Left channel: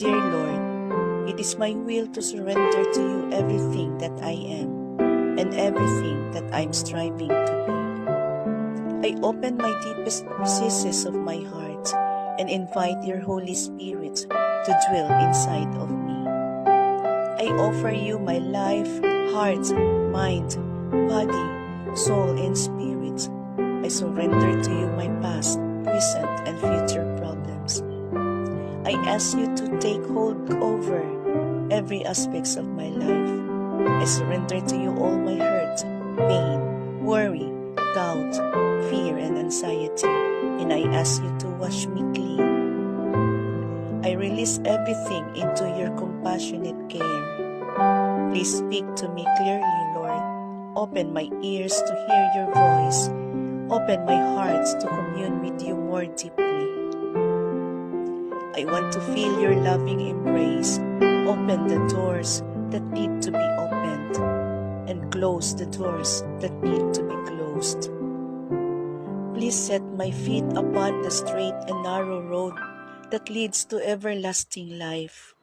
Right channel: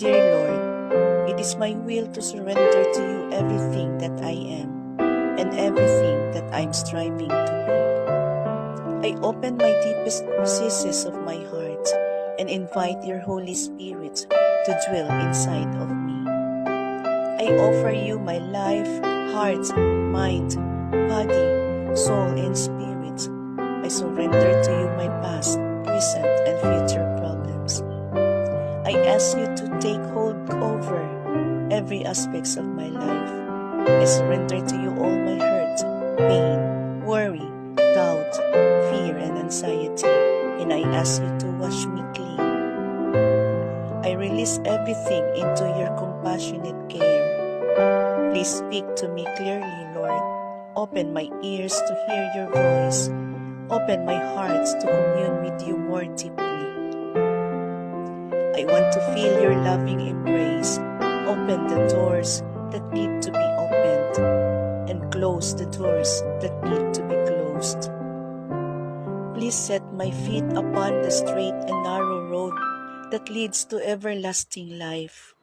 Dear Lord, it is my will to surrender to you everything that I am and everything that I'm striving to be. I open my deepest recesses of my heart and invite your Holy Spirit to dwell inside of me. I offer you my life, heart, mind, body, soul, and spirit. I surrender to you my past, present, and future problems. I ask you to take hold over every aspects of my life. I surrender to you all my hurt, pain, worry, doubt, fear, and anxiety, and I ask you to wash me clean. I release everything into your compassionate care. Please speak to me clearly, Lord. Open my ears to hear your voice. Open my heart to commune with you more deeply. I want to feel your loving embrace. Open the doors that need to be opened and close the doors that need to be closed. Please set my feet upon the straight and narrow road that leads to everlasting life.